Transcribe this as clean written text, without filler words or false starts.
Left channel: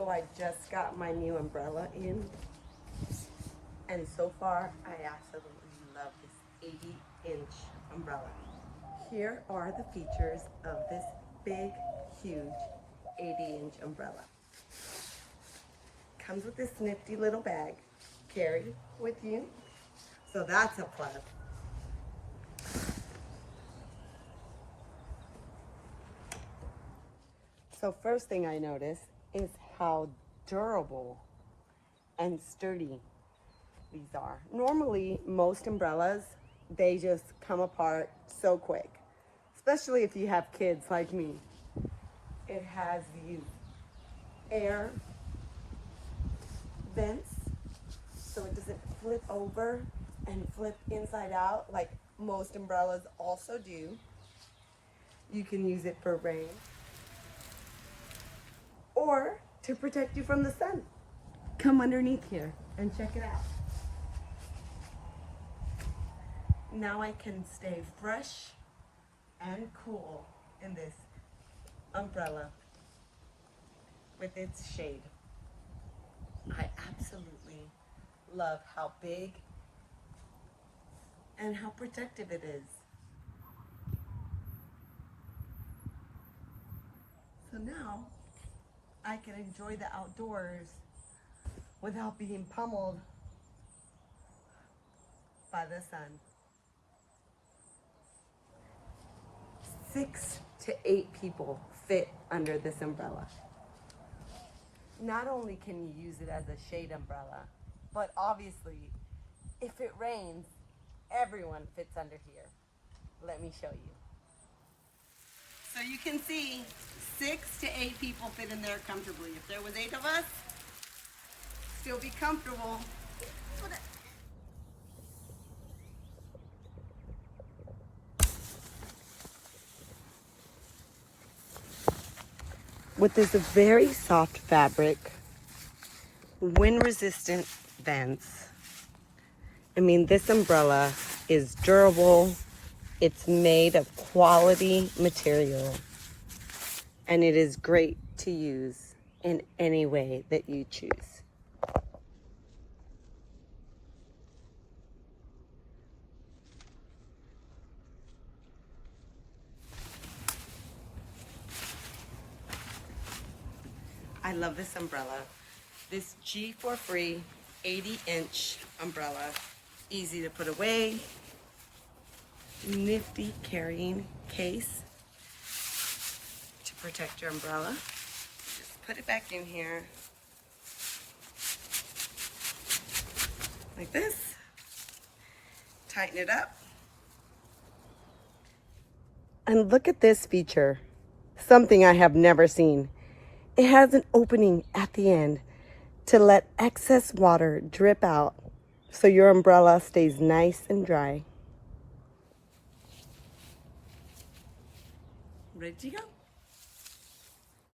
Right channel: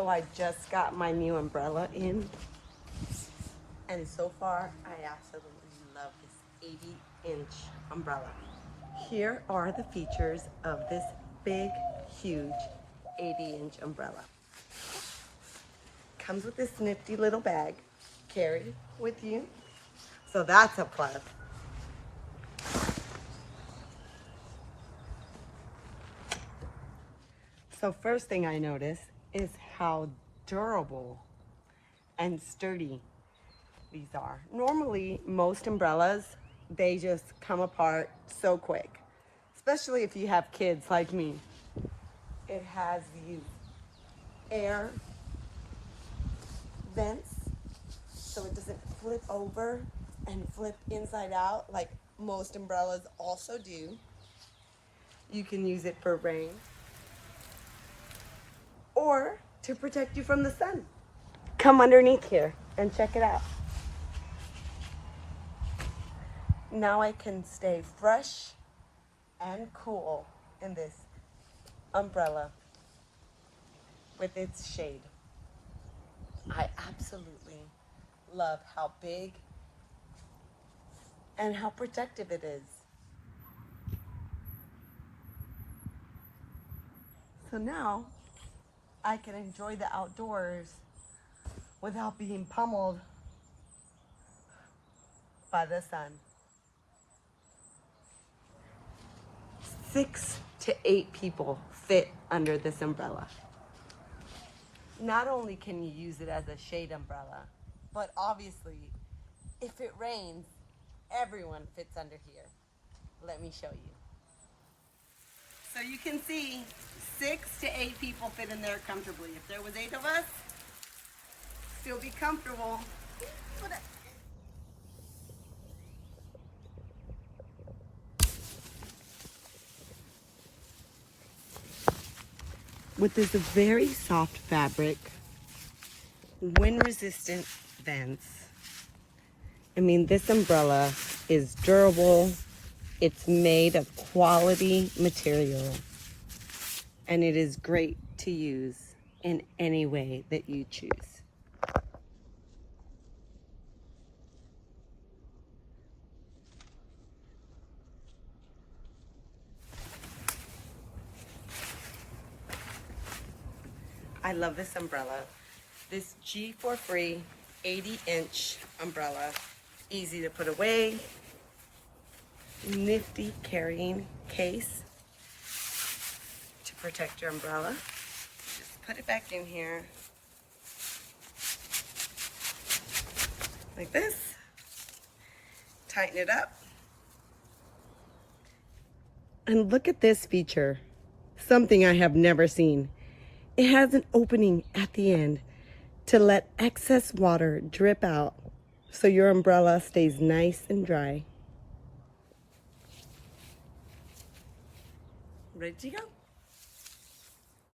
So I just got my new umbrella in, and so far I absolutely love this 80-inch umbrella. Here are the features of this big, huge 80-inch umbrella. Comes with this nifty little bag, carry with you, so that's a plus. So first thing I notice is how durable and sturdy these are. Normally, most umbrellas, they just come apart so quick, especially if you have kids like me. It has these air vents, so it doesn't flip over and flip inside out like most umbrellas also do. You can use it for rain or to protect you from the sun. Come underneath here and check it out. Now I can stay fresh and cool in this umbrella with its shade. I absolutely love how big and how protective it is. So now I can enjoy the outdoors without being pummeled by the sun. 6 to 8 people fit under this umbrella. Not only can you use it as a shade umbrella, but obviously, if it rains, everyone fits under here. Let me show you. So you can see 6 to 8 people fit in there comfortably. If there was 8 of us, still be comfortable. With this very soft fabric, wind-resistant vents. I mean, this umbrella is durable. It's made of quality material, and it is great to use in any way that you choose. I love this umbrella. This G4Free 80-inch umbrella. Easy to put away. Nifty carrying case to protect your umbrella. Just put it back in here like this. Tighten it up. And look at this feature. Something I have never seen. It has an opening at the end to let excess water drip out so your umbrella stays nice and dry. Ready to go?